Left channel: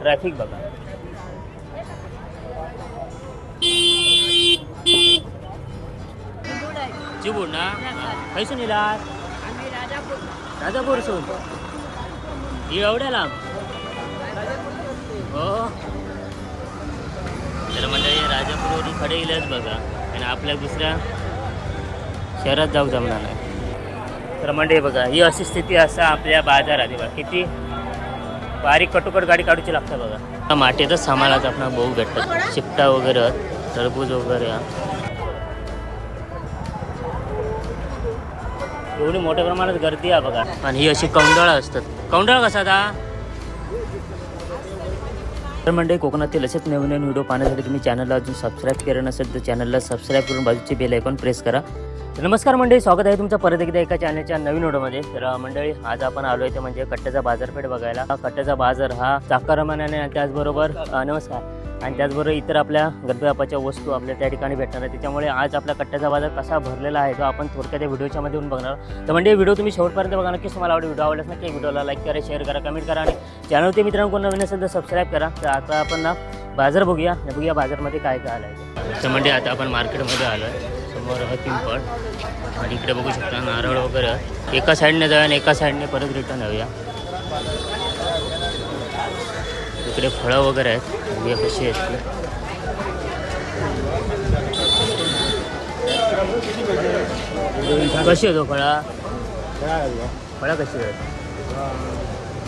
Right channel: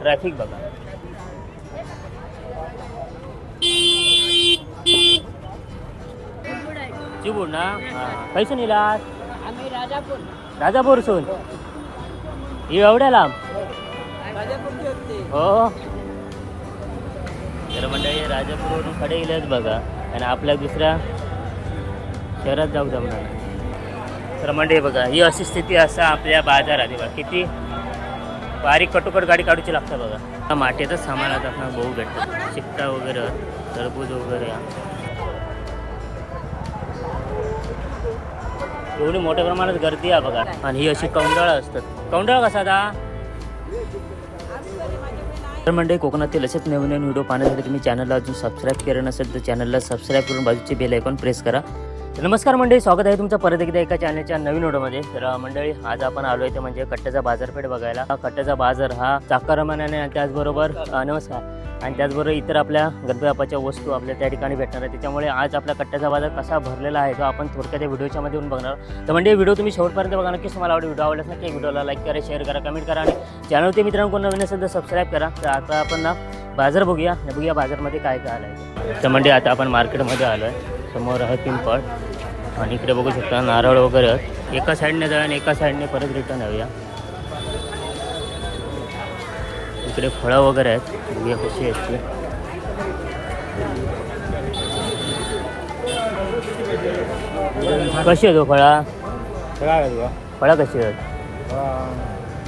Traffic बघा. चिबूड ना? खैसून येलात आम्ही राजापूर राजापूरसून ही एवढ्या लांब? हो. तर मंडळी राजापूरवरून खडे गेलेच बघा. आणि आपल्या दुसऱ्या शहरात जाऊ जमणार नाही. तर मंडळी बघा ही अशी स्थिती असा आपल्या बाजारात बघा. किती? बारीक कटोकट गाडी काढूची लागते बघा. माटेचंच सामानच आपण बहु भेटतात. चिपटा वगैरे टरबूज वगैरे एवढी मोठ्या प्रमाणात गर्दी आहे बघा. आणि ही अशी कौंडाळं असतात. कौंडळ कसा आता? तर म्हणजे कोकणातील असेच नवीन नवीन व्हिडिओ पाहण्यासाठी तुम्ही चॅनलला अजून सबस्क्राईब केलं नसेल तर चॅनलला सबस्क्राईब करून बाजूचे बेल आयकॉन प्रेस करा. नमस्कार मंडळी स्वागत आहे तुमचं परत एकदा एका चॅनलच्या नवीन ओढमध्ये तर मंडळी आज आपण आलो आहे ते म्हणजे कट्ट्याचा बाजारपेठ बघायला. हा कट्ट्याचा बाजार हा चाकरमानाने आणि त्याचबरोबर नमस्कार. आणि त्याचबरोबर इतर आपल्या गणपती वस्तू आपल्या त्या ठिकाणी भेटणार आहे त्याच्यामुळे आज आपला कट्ट्याचा बाजार कसा भरलेला आहे तो आपण थोडक्यात त्या व्हिडिओच्या मध्ये येऊन बघणार तर म्हणजे व्हिडिओ तुम्ही शेवटपर्यंत बघा. नक्कीच तुम्हाला आवडेल. व्हिडिओ आवडल्यास नक्की व्हिडिओला लाईक करा शेअर करा कमेंट करा आणि चॅनलवरती मित्रांनो कोण नवीन असेल तर सबस्क्राईब करा. तर आता आपण ना बाजार बघूया. बघूया बाजारमध्ये काय काय आलं आहे तर म्हणजे आता आपण मार्केटमध्ये आलो आहे समोर आहे पिंपळ. आणि इकडे बघू शकता नारळ वगैरे. एका साईडने जाऊया आणि एका साईडने परत रिटर्न येऊया. इकडे फळं वगैरे आहेत. बघूया कशी आहेत ती. कशी आहेत हो फळा? फळा कशी आहेत?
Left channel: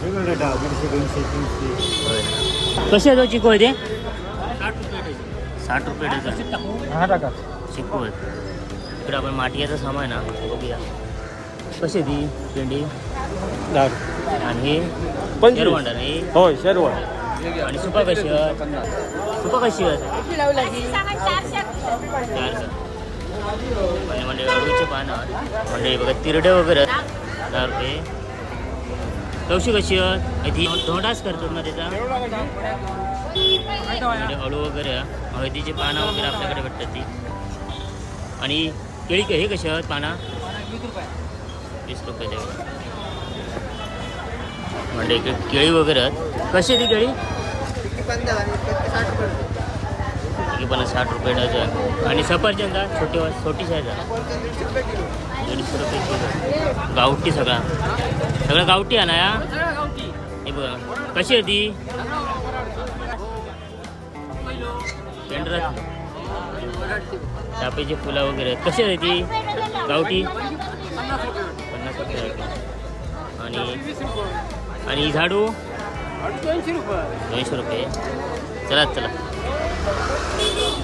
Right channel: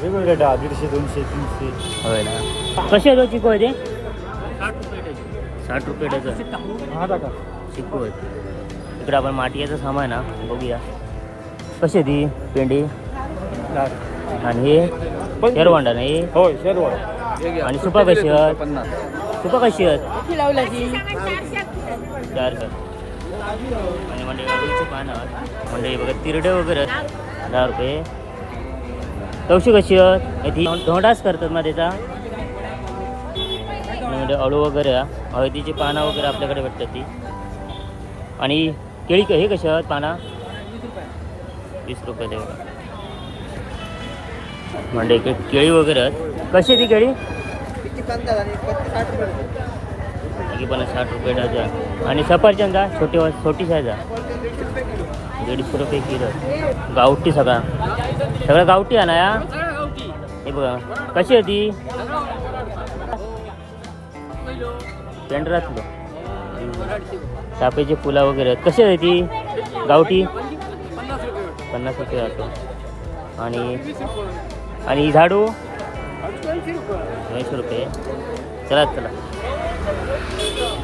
दीडशे दोनशे तीनशे होय कशी आहेत हो चिकू आहे ते साठ रुपये डझन. हा चिकू आहेत. इकडे आपण माटियाचं सामान ना बघूया कशी ती पेंडी आणि हे शेरवांडा नाही शेरवळ आणि सुपा कशी आहेत सुपा कशी आहेत चार आणि म्हणजे अळूचे पानं म्हणजे बघा तिरडे वगैरे. दहा रुपये। तवशी कशी आहेत ती धोंडाच करतात ना त्याचा। म्हणजे अळू वगैरे. हळदीची पानं वगैरे आपल्याकडे भेटतात ती. आणि केळी हे कशी आहेत पाना? वीस रुपये. म्हणजे केळी वगैरे आहेत. कशी ती केळी? ही पण साठ रुपये डझन. आणि सफरचंदा? छोटी छोटी साईज आहे. दीडशे रुपये किलो. गावठी सगळा. सगळं गावठी आहे ना या? हे बघा. कशी आहे ती? पेंढरातली. चापेची फुलं वगैरे कशी आहे ती? गावठी? पन्नास रुपये जाते आणि आणि झाडू? दोनशे रुपये. चला चला.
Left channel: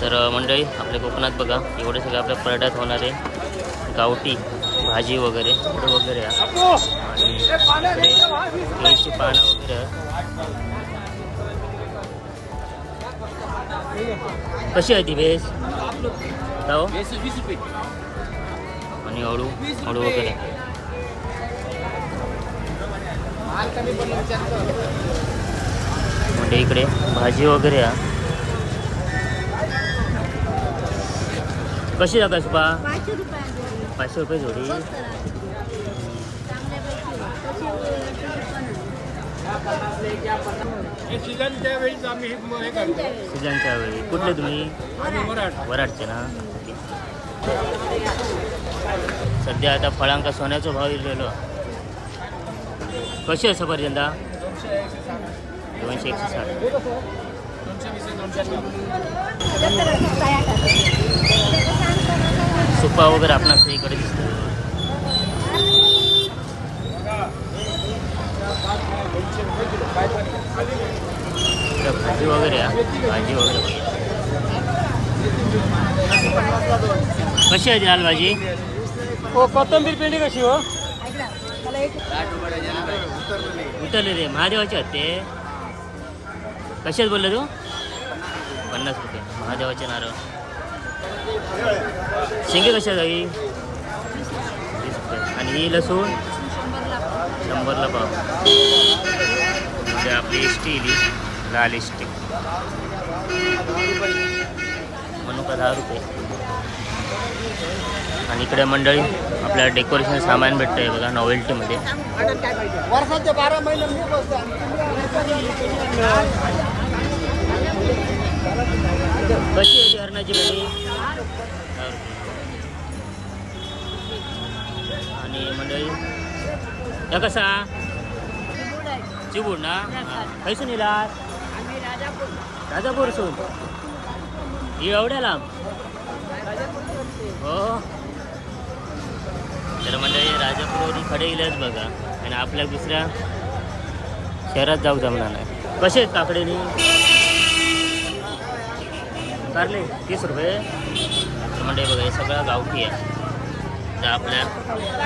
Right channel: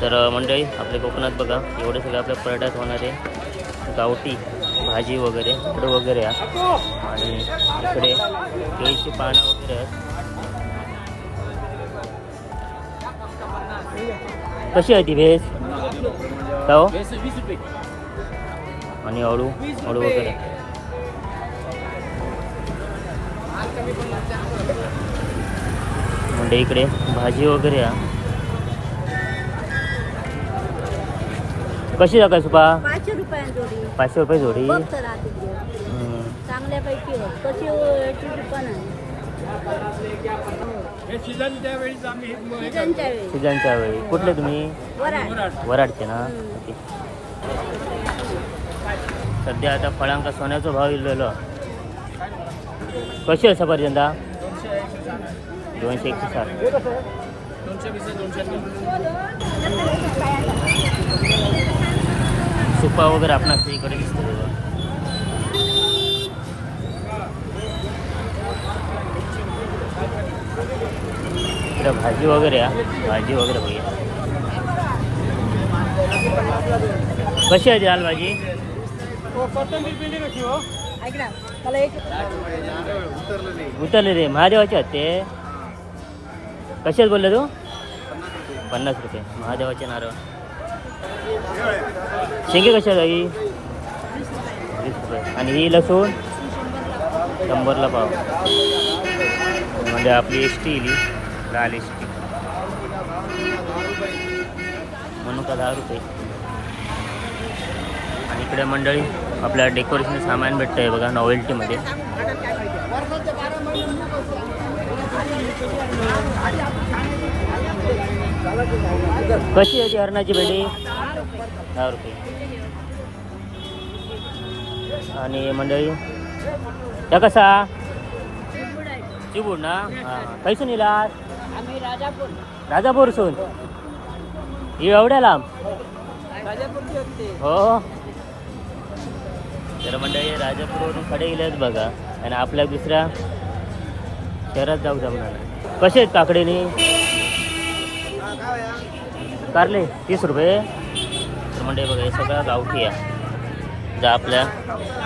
तर मंडळी आपल्या कोकणात बघा. एवढे सगळे आपल्या पर्यटनात होणारे गावठी भाजी वगैरे झाडं वगैरे. आणि इकडे केळीची पानं वगैरे कशी आहे ती का हो आणि अळू अळू वगैरे. म्हणजे इकडे भाजी वगैरे आहे कशी जागा सुपा? पाचशे रुपये जोडी. चांगल्यापैकी हे सीझनच्या वेळीच आम्ही म- करतो. त्यांच्या वेळी. कुठले तुम्ही? वराड. वराड. वराडचे ना? ओके. सध्या आता फळांका सोन्याचा भाव इलेलो कशी आहे सफरचंदा दोनशे एकशे साठ. सुपा वगैरे आपणास इकडे दिसतो इकडे भाजी वगैरे भाजी वगैरे बघूया. कशी आहे लाल भाजी हो कोथंबीर पेंडी कशी हो? उतरले रे महादेवाचे आहेत ते कशात बोलले तू? पन्नास रुपये. महादेवाचे नारळ. शेंगे कशा जाई वीस रुपये. आणि ही लसूण? शंभरला पाव. म्हणजे आपली एसटी इली लाल स्टिक मनुका दहा रुपये. आणि इकडे मंडळी आपल्याला डेकोरेशन सामान भेटतं आहे बघा नॉवेल्टीमध्ये कशी आहे ती हरणाची भेंडी दहा रुपये. आणि मंडळी त्या कसा? चिबूड ना? पैसे नेला आम्ही राजापूर. राजापूरसून ही एवढ्या लांब? हो. तर मंडळी राजापूरवरून खडे गेलेच बघा आणि आपल्या दुसऱ्या शहरात जाऊ जमणार नाही. कसे आहेत काकडीनी? कारले तीस रुपये. तर मंडळी बघा हे सगळं गावठी आहे. जा आपल्या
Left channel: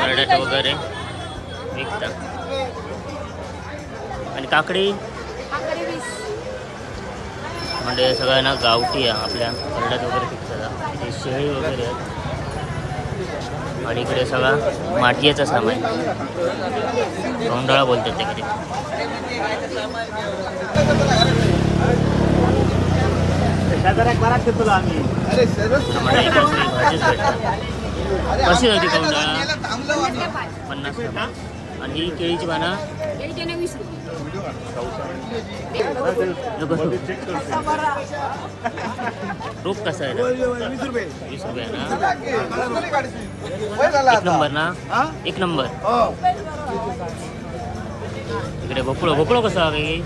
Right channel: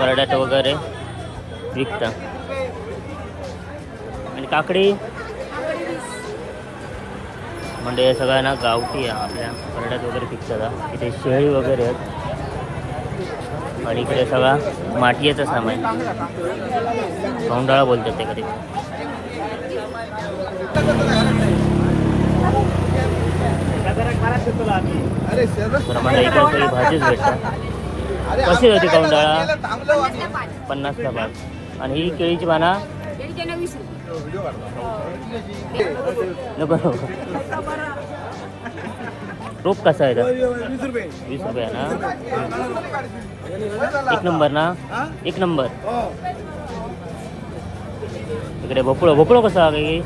परड्यात वगैरे विकता. आणि काकडी? म्हणजे हे सगळं ना गावठी आहे आपल्या. परड्यात वगैरे पिकतात हे. शेळी वगैरे आहेत. आणि इकडे सगळा माटियाचं सामान. कोंडाळा बोलतात ते कधी. म्हणजे इकडे सगळी भाजीच भेटतात. कशी होती कोंडाळा पन्नासला पाच आणि ही केळीची पाना? वीस रुपये. नको. रोप कसा आहे? वीस रुपये. वीस रुपये ना? एक नंबर ना? एक नंबर. इकडे भोपळो भोपळो कसा काही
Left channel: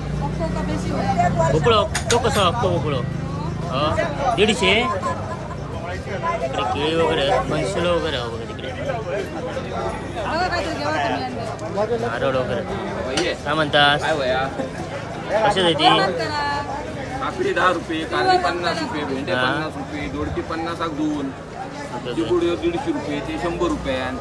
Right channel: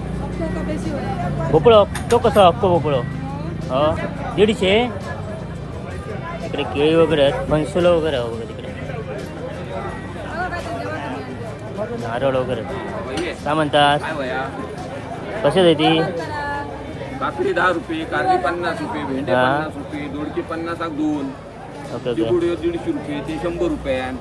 भोपळो तो कसा अख्खो भोपळो? हो? दीडशे? इकडे केळी वगैरे फणसुलं वगैरे बघा तिकडे. नारळ वगैरे. काय म्हणतात कसं देती काकडी दहा रुपये कारली पन्नास रुपये भेंडे हा. पन्नास रुपये दोडके पन्नास दोन. Okay okay. चिबुड दीडशे रुपये ते शंभर रुपयान.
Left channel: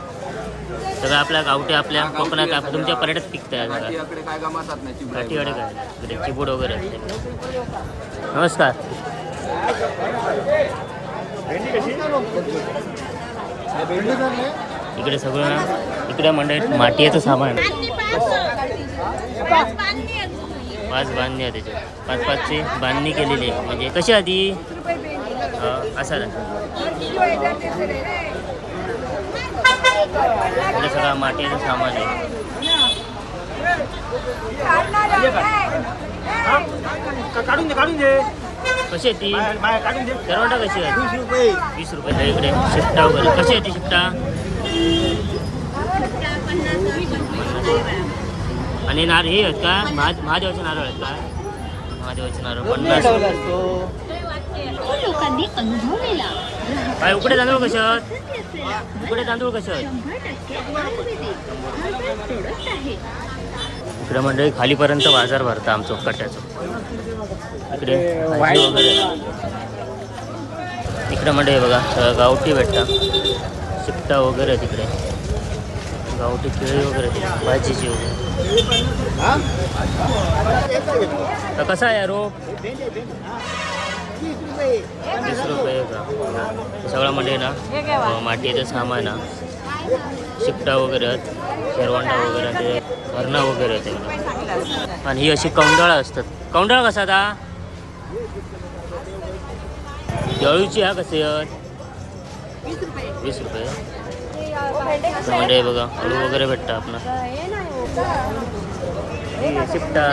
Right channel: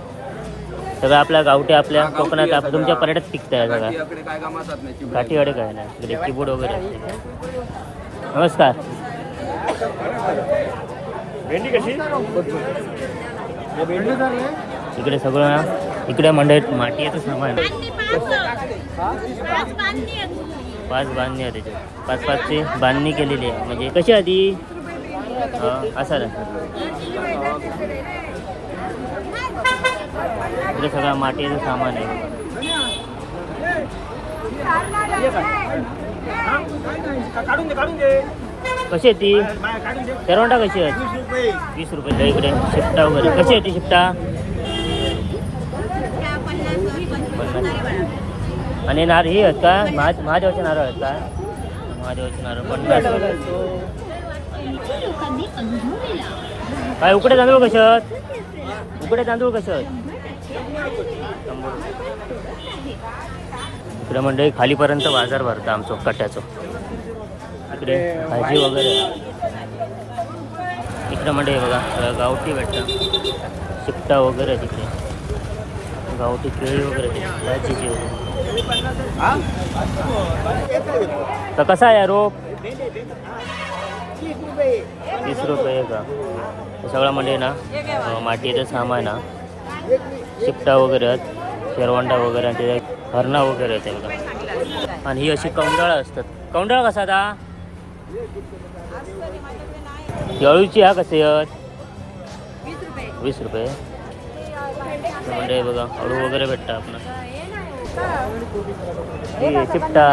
सगळं आपल्या गावठी आपल्या हा, गावठी कोकणात आहे आप- सगळं. तुमच्या पर्यटक पिकताय बघा. काठीयाकडे काय कामातात नाही चिबुड काठीवाडी काय नाही इकडे चिबूड वगैरे असते. नमस्कार. इकडे सगळं ना इकडे मंडळीत मातीचं सामान. आहे. पाच बांधणी आहे त्याच्यात पाच पाचची बांधणी केलेली आहे. म्हणजे कशी आधी? असा इकडे सगळं मातीचं सामान आहे. कशी आहे ती करवंटा कशी आहे वीस रुपये. इकडे. शिफ्टा वगैरे. कशी आहे ती शिफ्टा पन्नास. आणि नारळ हे आहेत का? महा महादेवाचे नारळ आहेत का? महादेवाचे नारळ पन्नास. काय उकडे तांदूळ कसे आहेत उकडे तांदूळ कसे आहेत इकडे मंडळी खालीपर्यंत बाजार भरतं आमचं कट्ट्याचं. इकडे भाजी वगैरे. इकडे मंडळी बघा सगळं गावठी भेटतं. शिपटा वगैरे तिकडे गावठी केळी वगैरे भाजीची वगैरे. तर कसा आहे रोप? वीस रुपये का? सगळं म्हणजे ना मातीचं सामान ना. शिपटा वगैरे आहेत शेरवंडा वगैरे ते हरणा वगैरे आहेत बघा आणि ही अशी कौंडाळा असतात. कौंडाळा कसा आता? जळूची हा कसे आहेत? वीस रुपये. म्हणजे बघा अळू वगैरे भेटतं आपण शिपटा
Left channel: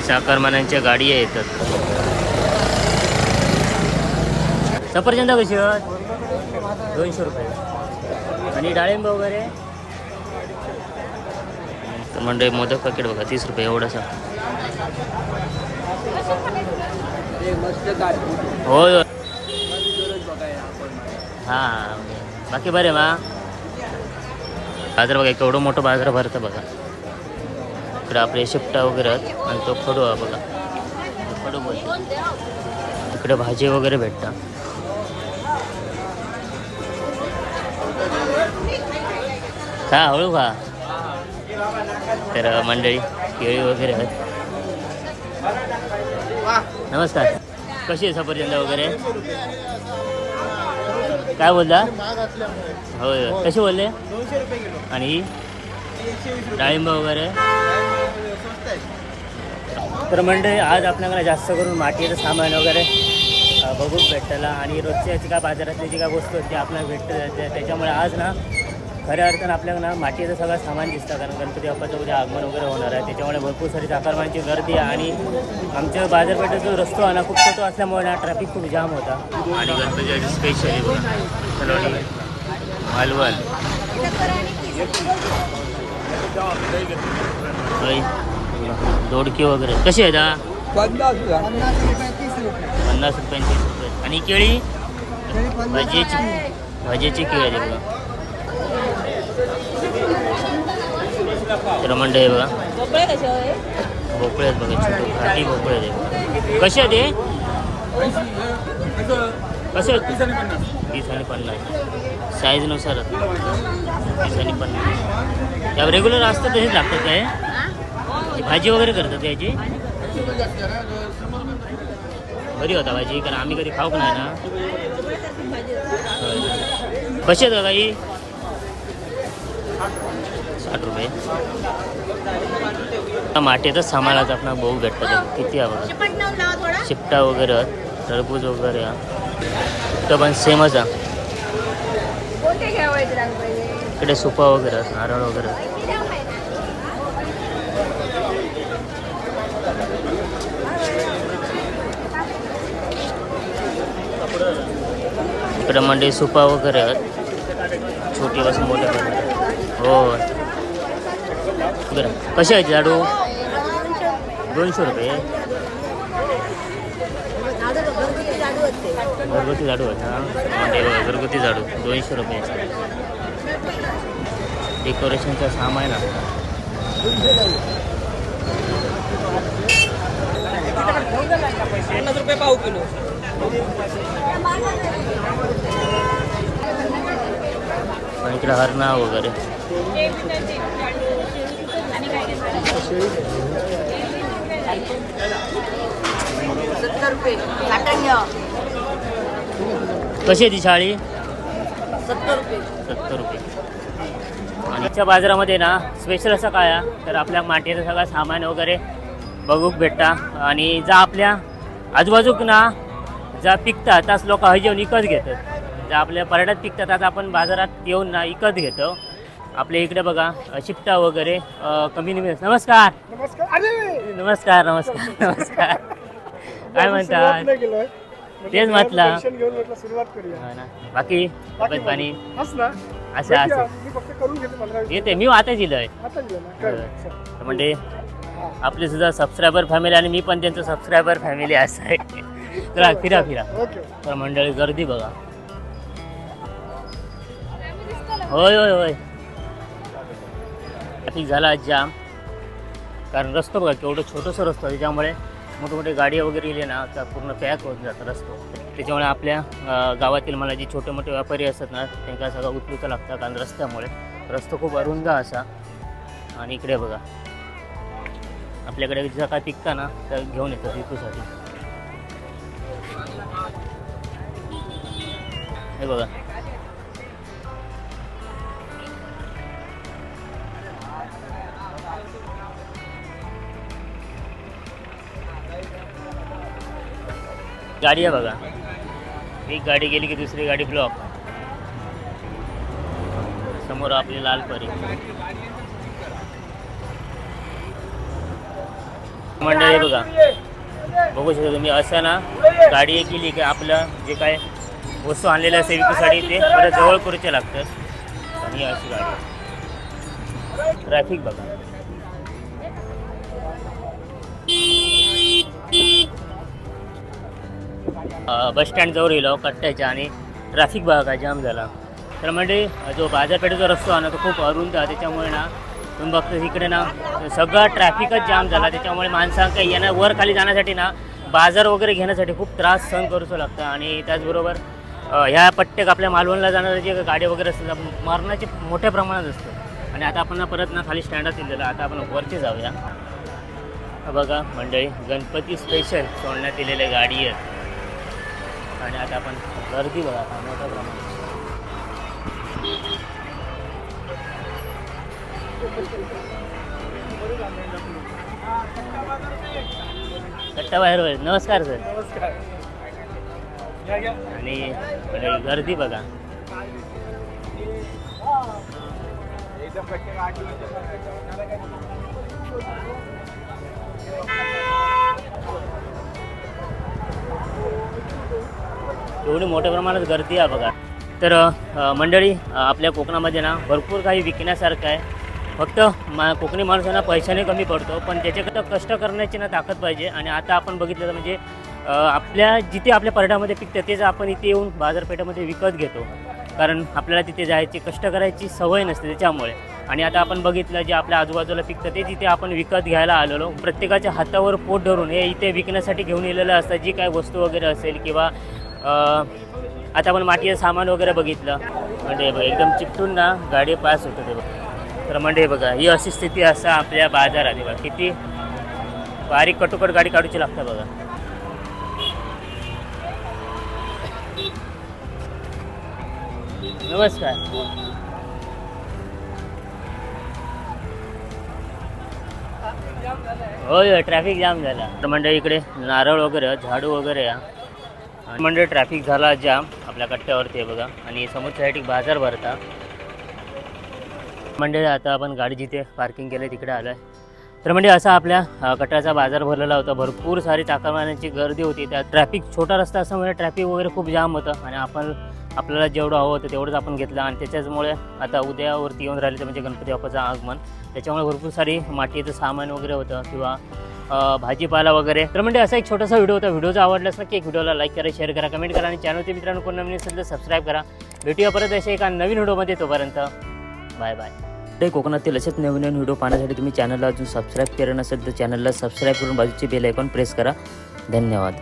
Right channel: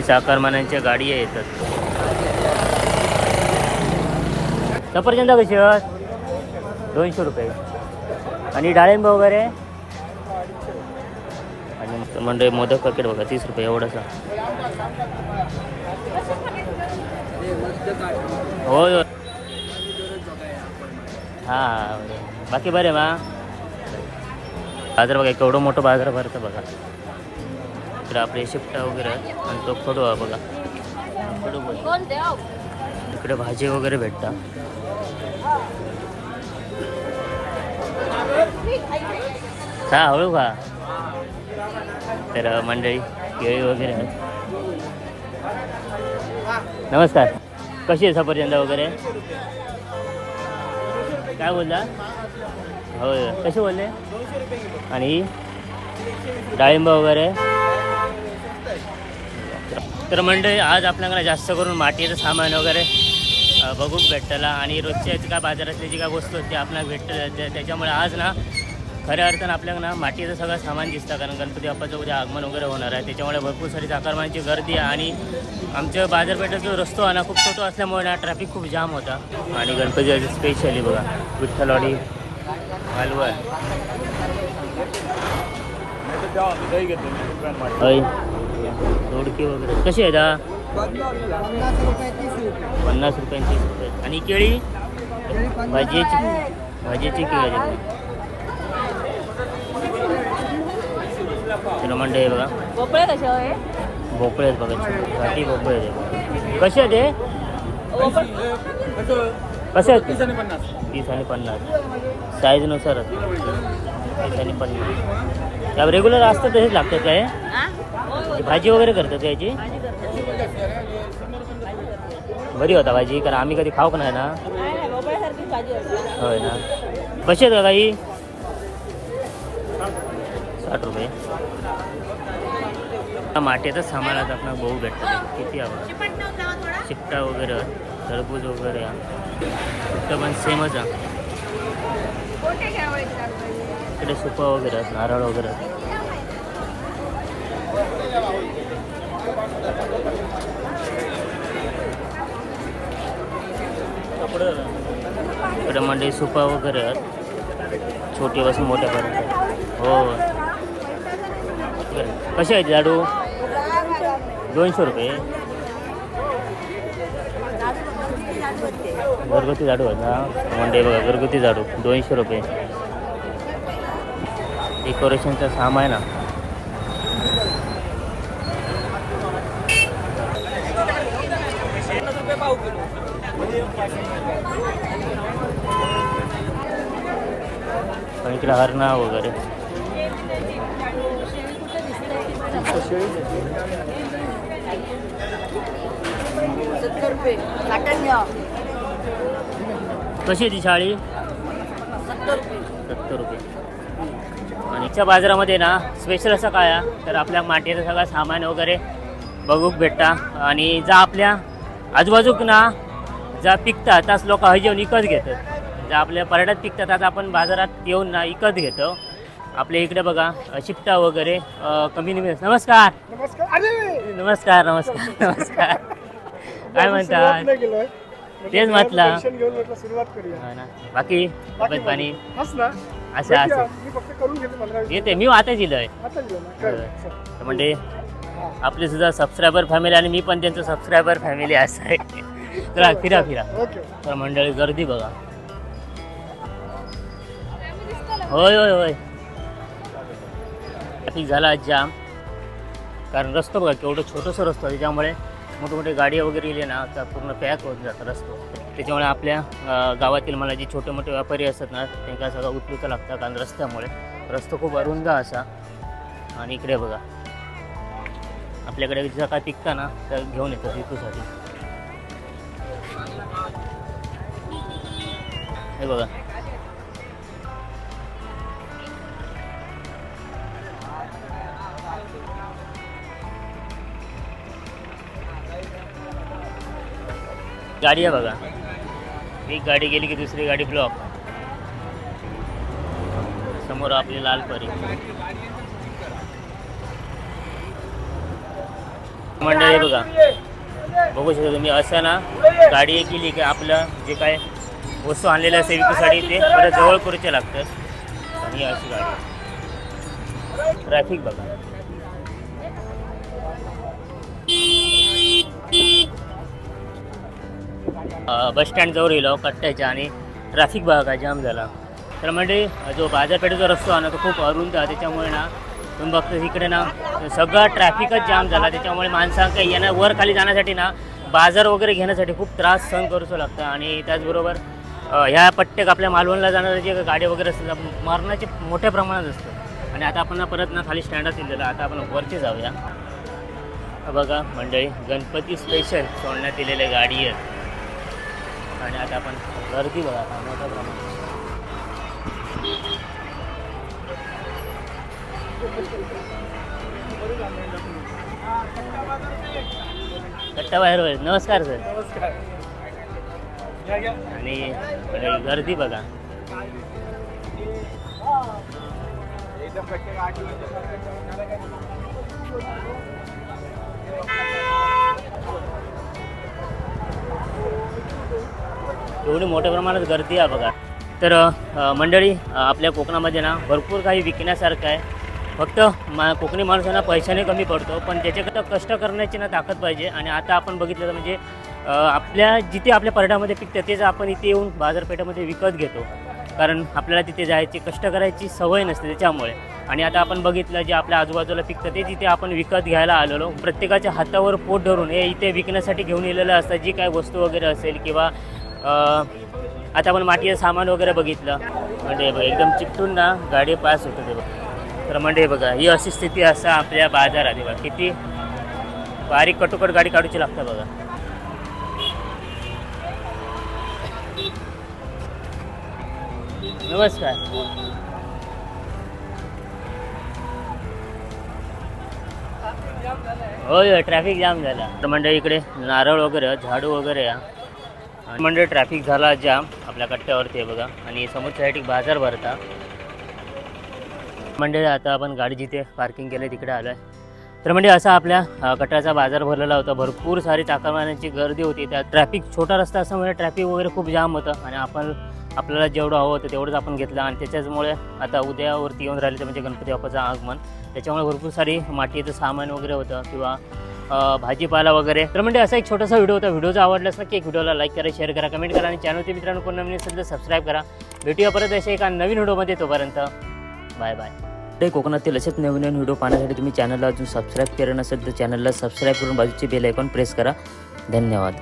चाकरमानांच्या गाडी येतात सफरचंद कशी दोनशे रुपये. आणि डाळिंब वगैरे? आणि म्हणजे मोदक पॅकेट बघा तीस रुपये एवढंसा होय होय. हां म्हणजे बाकी बरे बा. बाजार बघा केवढं मोठं बाजार भरतं बघा. इकडे आपले शिफ्टा वगैरे आणि तो खडू आहे बघा. खडू बोलतो. इकडे भाजी वगैरे भेटता. का हळू का तर मंडळी केळी वगैरे आहेत. नमस्कार. कशी आहे सफरचंद वगैरे? काय बोलता होय होय. कसे बोलले? आणि? डाळिंब वगैरे? तर मंडळी आज आपल्याकडे जास्त करून मातीचं सामान वगैरे बघून भेटतला. आणि रोजच्या काय बाजारातली जी काय वस्तू आहेत ती आपल्याला भेटतं त्याच्यामुळे आज ना खऱ्या अर्थानं आपल्याला ना मातीचं सगळं सामान दिसतं कारण गणपती बाप्पाचं उद्या आगमन वगैरे होणार आहे. त्याच्यामुळे भरपूर सारी चाकरमानची गर्दी आहे आणि आमच्या बाजारपेठेचा जो रस्तो आहे ना खूप छोटो असल्यामुळे ना ट्रॅफिक खूप जाम होता. आणि गणपती स्पेशली बघा. विठ्ठलवाडी मालवण. होय. दोडकी वगैरे. कशी आहेत हा? पन्नास रुपये तीस रुपये. आणि केळी? भाजीची भाजीची केळी आहे बघा. चला मंडई आहे बघा. भोपळे आहेत बघा छोटे घाटी भोपळे आहेत बघा. कसे आहेत हे? कसे आहेत? तीस आणि पन्नास. साईजनुसारच तीस आणि पन्नास. त्या रेग्युलर असतं तसेच लागतात काय हे? भाजी वगैरे करतात याची? बरी होता भाजी कारण आम्ही कधी खाऊक नाही ना. होय ना. कशी आहेत काही साठ रुपये. माटेतच सामानाचं आपण बहु भेटतात किती आहे बघा. चिपटा वगैरे टरबूज वगैरे. हा पण सेमच आहे. इकडे सुपा वगैरे नारळ वगैरे. इकडे मंडळी सुपा वगैरे. आहेत छोटी मोठ्यापर्यंत हो. बरं कसे आहेत लाडू? दोनशे रुपये. घरगुती झाडू आहेत हा. मंडई बघा घरगुती झाडू दोनशे रुपये. डेकोरेशनचं सामान ना. पण इकडे हरणा वगैरे कशी आहे ती शाळी सत्तर रुपये. आणि इथच्या बाजारामध्ये ना स्पेशल असं काय तर आपल्या मातीचं सगळं सामान वगैरे बघूक भेटता. आणि जा आपल्या आजूबाजूक ना जा पिकतात त्याच लोक हय येऊन विकत घेतात. ज्या आपल्या पर्यटक पिकतात आता आपण बाजारात येऊन ना विकत घेतो. आपल्या इकडे बघा शिपटा वगैरे कमी नमस्कार. नमस्कार. अरे! नमस्कार नमस्कार नमस्कार. काय म्हणतात गेलोय तेच म्हटलं. सुरुवात करूया. हो ना. बाकी? तब्येत पाणी? असं. असं. येते. मी आता दिलंय. तर म्हणजे आपली सुद्धा सबस्क्रायबर फॅमिली आणि मी पण त्यांचं सबस्क्रायबर फॅमिली असं आहे. चला फिरा फिरा. तर मंडळी गर्दी बघा. होय होय होय. ट्रॅफिक झाला आज जाम. कारण रस्ता बघा केवढं छोटंसं रस्ता त्याच्यामुळे मोठे मोठे गाडी वगैरे गेले ना तर पूर्ण पॅक होत जातं रस्तो. त्याच्यामुळे आपल्या गावातील मला जे छोटे मोठे व्यापारी असतात ना त्यांना सगळं उचलूचं लागतं कारण रस्त्यामुळे. रस्ता खूप अरुंद असा. आणि इकडे बघा. आपल्याकडे जर काय पिकता ना तर घेऊन येतात विकूसाठी. हे बघा. गाडी आहे बघा. एक गाडी गेली की दुसरी गाडी ब्लॉक समोर आपली लाल परी. मंडळी बघा. बघू शकता तुम्ही असं ना गाडी एक गेली की आपलं जे काय वस्तू आणलेलं असेल विकूसाठी ते परत जवळ करूचे लागतं आणि अशी गाडी ट्रॅफिक बघा. बस स्टँड जवळ गेलो कट्ट्याच्या आणि ट्रॅफिक बघा जाम झाला. तर म्हणजे जो बाजारपेठेचा रस्तो आहे ना तो खूप अरुंद आहे. त्याच्यामुळे ना तुम्ही बघतो इकडे ना सगळा ट्रॅफिकच जाम झाला. त्याच्यामुळे माणसांना येणं वर खाली जाण्यासाठी ना बाजार वगैरे घेण्यासाठी खूप त्रास सहन करूचं लागतं. आणि त्याचबरोबर ह्या पट्ट्याक आपल्या मालवणला जाणाऱ्या जे गाडी वगैरे असतात मरणाचे मोठ्या प्रमाणात असतं. आणि आता आपण ना परत ना खाली स्टँडात दिलेलं आता आपण वरती जाऊया. बघा मंडळी गणपती स्पेशल सोडण्यात दिलेल्या गाडी आहेत आणि आता आपण गर्दी बघा आता मोठ्या प्रमाणात कट्टा बाहेर होईल. नमस्कार सर. नमस्कार आणि म्हणजे गर्दी बघा. एवढी मोठ्या प्रमाणात गर्दी आहे बघा. तर मंडळी आपल्या कोकणामध्ये ना भरपूर काही विकण्यासारखं आहे. फक्त मा कोकणी माणसांना पैशाने कमी पडतो पण त्याच्याकडं कष्ट करण्याची ना ताकद पाहिजे. आणि आता आपण बघितलं तर म्हणजे आपल्या जिथे आपल्या पर्यटनामध्ये पिकतं तेच आपण इथे येऊन बाजारपेठामध्ये विकत घेतो. कारण आपल्याला तिथे जायची कष्ट करायची सवय नसते त्याच्यामुळे. आणि आता आपण बघितलं जे आपल्या आजूबाजूला पिकतं ते तिथे आपण विकत घ्यायला आलेलो प्रत्येकाच्या हातावर पोट धरून हे इथे विकण्यासाठी घेऊन येलेलं असतं. जी काय वस्तू वगैरे असेल किंवा आता आपण मातीचं सामान वगैरे बघितलं. म्हणजे बघा, एकदम चिकटून ना गाडी पास होतं ते बघा. तर म्हणजे बघा ही अशी स्थिती असं आपल्या बाजारात बघा किती बारीक कटोकट गाडी काढूची लागते बघा. नमस्कार. होय ट्रॅफिक जाम झाला. तर म्हणजे इकडे नारळ वगैरे झाडू वगैरे म्हणजे ट्रॅफिक झाला जाम आपल्या कट्ट्यावरती आहे बघा. आणि समोरच्या साईड एक बाजार भरता. म्हणजे आता आपण गाडी जिथे पार्किंग केलं तिकडे आलो आहे तर म्हणजे असा आपल्या अ, कट्ट्याचा बाजार भरलेला होता. भरपूर सारी चाकरमान्यांची गर्दी होती. त्यात ट्रॅफिक छोटा रस्ता असल्यामुळे ट्रॅफिक वगैरे खूप जाम होतं. आणि आपण आपल्याला जेवढं हवं होतं तेवढंच आपण घेतलं. आणि त्याच्याचमुळे आता उद्यावरती येऊन राहिलं तर म्हणजे गणपती बाप्पाचं आगमन. त्याच्यामुळे भरपूर सारी मातीचं सामान वगैरे होतं. किंवा भाजीपाला वगैरे. तर म्हणजे असा एक छोटासा व्हिडिओ होता. व्हिडिओ जर आवडलास नक्की एक व्हिडिओला लाईक करा शेअर करा कमेंट करा आणि चॅनलचे मित्रांनो कोण नवीन असेल तर सबस्क्राईब करा. भेटूया परत अशा एका नवीन व्हिडिओमध्ये तोपर्यंत. बाय बाय ते कोकणातील असेच नवीन नवीन व्हिडिओ पाहण्यासाठी तुम्ही चॅनलला अजून सबस्क्राईब केलं नसेल तर चॅनलला सबस्क्राईब करून बाजूची बेल आयकॉन प्रेस करा. धन्यवाद.